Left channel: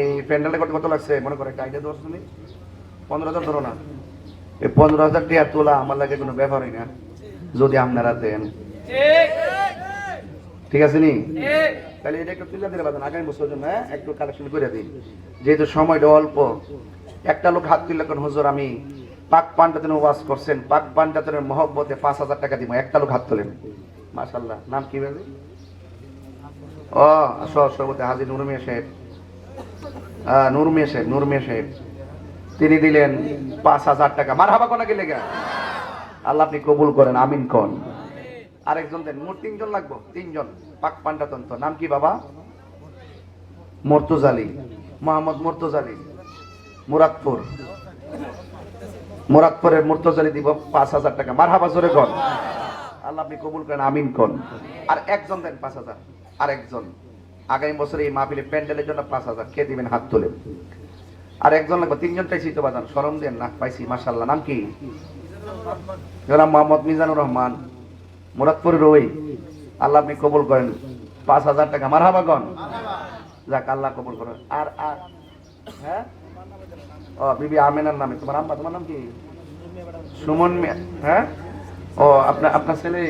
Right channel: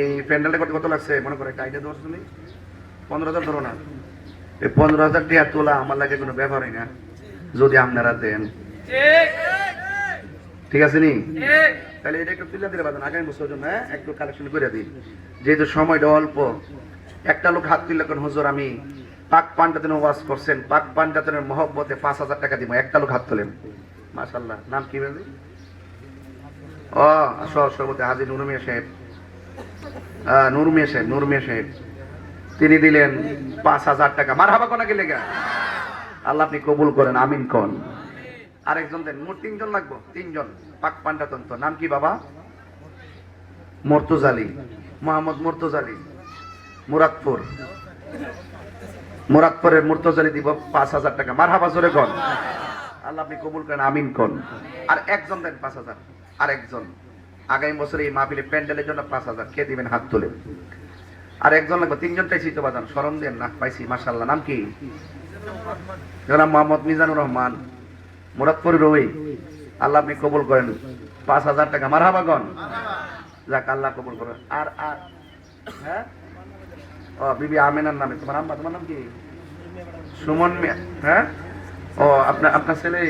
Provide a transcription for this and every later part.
এই প্যান্ডেলটা কত লাগছে মনে করে একটা আইডিয়া দেওয়া তুমি 15,000 ধরো না। এই 15,000 টাকা তোলা আমার লাগে কোনো ব্যাপারই না যদি আপনারা দেন, ঠিক আছে নি? তাহলে এটা একটু তুলে দিলে বাজান আগামী বছর জন্য একটু কালেকশন করে দিন, যেহেতু সময়টা অল্প। একটা লোক হাত তুললে কোন হুজুর আমি পাক পাঞ্জাতনের ওয়াজ করছেন, পাক পাঞ্জাতনের মহব্বতে 5,000 টাকা দিব, একটা লোক হাত তোলেন। মাশাআল্লাহ, নাম কি বলবে? ও সভাপতি হাজী নূর মিয়া সাহেব, নূর মিয়া সাহেব তিনি দিলেন 5,000 টাকা। মারহাবা কোনা গেলে গা, আল্লাহ আপনি কবুল করেন, আমিন কোন। আরেকজন দেন, মোট 3 জন লাগবো, 3 জন পাক পাঞ্জাতন্ত। নাম কি বাবা? মুর্তজালি, মোহাম্মদ মুর্তজালি, মুরাদপুরের মুর্তজালি দিব 5,000 টাকা। মারহাবা জোরে কোন, আল্লাহ আপনি কবুল করেন, আমিন কোন। আর একজন দেন 5,000, আর একজন আগামী বছর এই মাহফিলে প্যান্ডেলের জন্য 5,000 কে দিবেন হাত তুলে। আর একজন লাগবে, 3 জন চাইছি তো বাজান, শরম দেন না, পাইছি মাশাআল্লাহ। নাম কি? জনাব মোহাম্মদ মিজানুর রহমান, মুরাদপুরের ওই, আল্লাহ আপনি কবুল করেন 5,000 টাকা। মারহাবা কোন, যাক আল্লাহ কবুল করেন। আর আর হ্যাঁ, ও বিবি আমেনার নামে তোমার আম্মা, তোমার নাম কি? সুমন মিয়া। হ্যাঁ, ও আপনার ছেলে,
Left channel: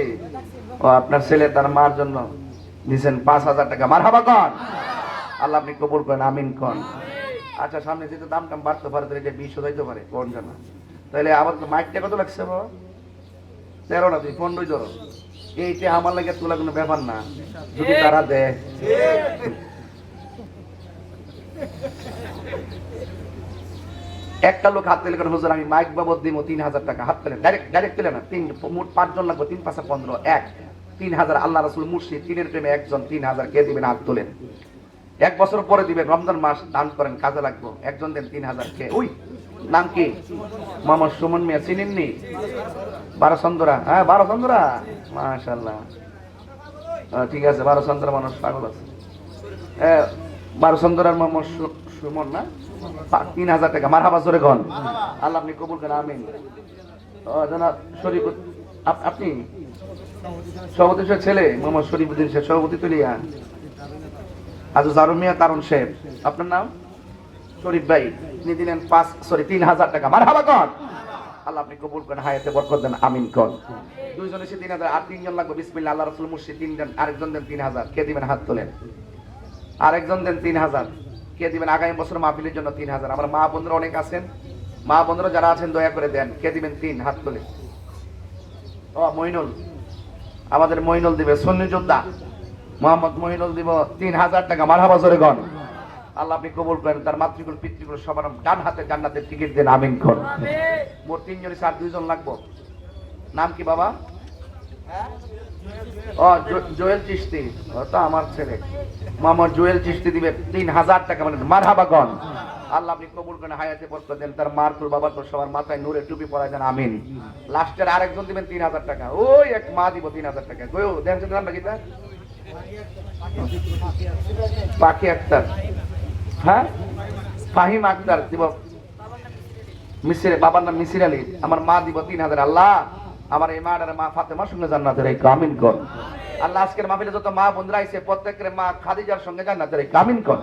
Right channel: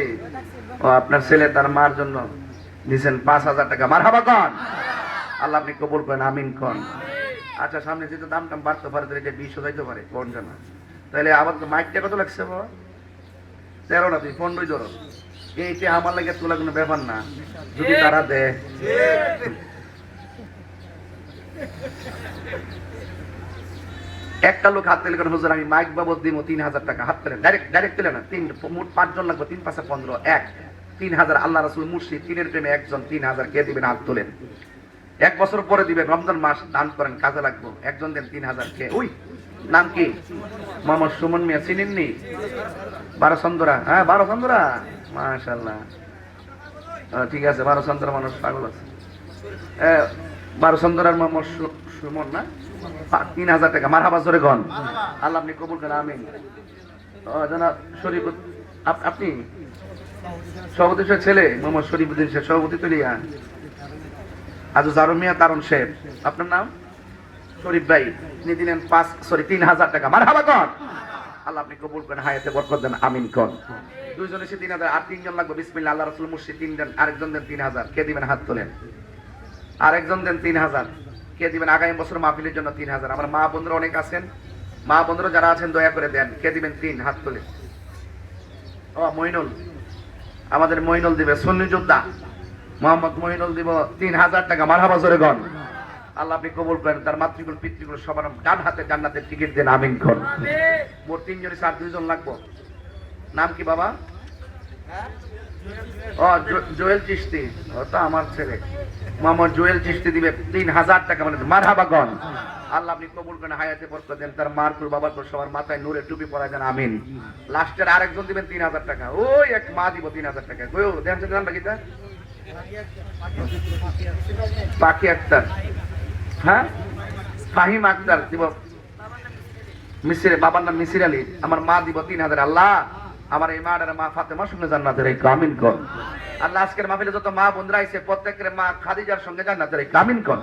ও আপনার ছেলে তার মার জন্য দিয়েছেন 5,000 টাকা। মারহাবা কোন, আল্লাহ আপনি কবুল করেন, আমিন কোন। আচ্ছা, সামনে যেহেতু দাম টাম বাড়তে পারে তাহলে 20 হইতে পারে কোন জানা। তাহলে আবার মাইকটা কত লাগছে বাবা? 13 না, তুই 15 ধরো। এইটা আমার লাগে তোলা কোনো ব্যাপার না, যদি তারা দেয়। একটা লোক হাত দিলে হুজুর আমি মাইক বাবদ দিব 3,000 টাকা। হাত দিলেন ডাইরেক্ট দিলেন না, মোট 5 জন লাগবে, 3 5 15, 3,000। আল্লাহ রাসূল মুর্শিদ, 3-এর প্রেমে একজন 3,000 কে দিবেন হাত তোলেন। 1 বছর পরে দিবেন, রমজান মাস দান করেন, কাজে লাগবে। একজন দেন 3,000 কে। ওই নাম কি? মোহাম্মদ সুমন মিয়া, চিনেননি? 12 চন্দ্রা, হ্যাঁ 12 চন্দ্রা, মাশাআল্লাহ। ঠিক আছে, 12 চন্দ্রা মানুষ পাগল আছে। 12 চন্দ্রার মোহাম্মদ সুমন না, 3,000 টাকা। মারহাবা জোরে কোন, আল্লাহ আপনি কবুল করেন, আমিন। জনাব শরীফ, আপনি সভাপতি ছেলে মোহাম্মদ শরীফুদ্দিন সাহেব, সভাপতি তুলিয়া আজু জারুমিয়া কারণ শেখ, আপনার নাম শরীফ ভাই, তিনি দিলেন 3,000 টাকা। মারহাবা কোন, আল্লাহ আপনি কবুল করেন, হায়াতে বরকত দেন, আমিন কোন। 2 জন এসে 3,000, আর 3 জন লাগবে। বিসমিল্লাহ, আল্লাহ রাসূল মুর্শিদ 3 দেন, আরেকজন দেন 3,000 কে দিবেন হাত তোলেন। আরেকজন দেন 3,000 কে দিবেন আগামী বছর মাহফিলের জন্য 3,000। আমার মা বন্ধুরা অনেক আছেন, মা বন্ধুরা যারা আছেন দয়া করে দেন, কে দিবেন 3 হাত তোলে। ও মইনুল, আমাদের মইনুল দিবে, সুন্নি যোদ্ধা মোহাম্মদ মইনুল দিব 3,000 টাকা। মারহাবা জোরে কোন, আল্লাহ আপনি কবুল করেন, তার মাতৃকুল পিতৃকুল সবার ডান হাতে জান্নাতের টিকিট দেন, আমিন কোন। মোট 3 জন, 2 জন লাগবো। নাম কি বাবা? ও জোয়েল চিশতি, ওটা আমার ছেলে মোহাম্মদ জোয়েল চিশতি দিবে 3,000 টাকা। মানে মারহাবা কোন, আল্লাহ আপনি কবুল করেন, হায়াতে বরকত দেন, তার মার কুল বাবার কুল সবার মাথায় নূরের টুপি পরায় দেন, আমিন। লাস্টের আরেকজন দিবেন 3,000 টাকা। ওই এক মা দিব 3,000 টাকা। কইও দেন নাম লাগিতা পাখি আক্তার, হ্যাঁ ফাহিম আক্তার দিব, মিসির, বাবার নাম মিসির আলী। আমার মা দিব 3,000। আল্লাহ আমার এই মার মা ফাতেমার সঙ্গে জান্নাতের এই আমিন কর। আল্লাহ আজকের মাহফিলে যত মা বন্ধুরা আইছে প্রত্যেকের মা খাদিজার সঙ্গে জান্নাতের এই আমিন কর।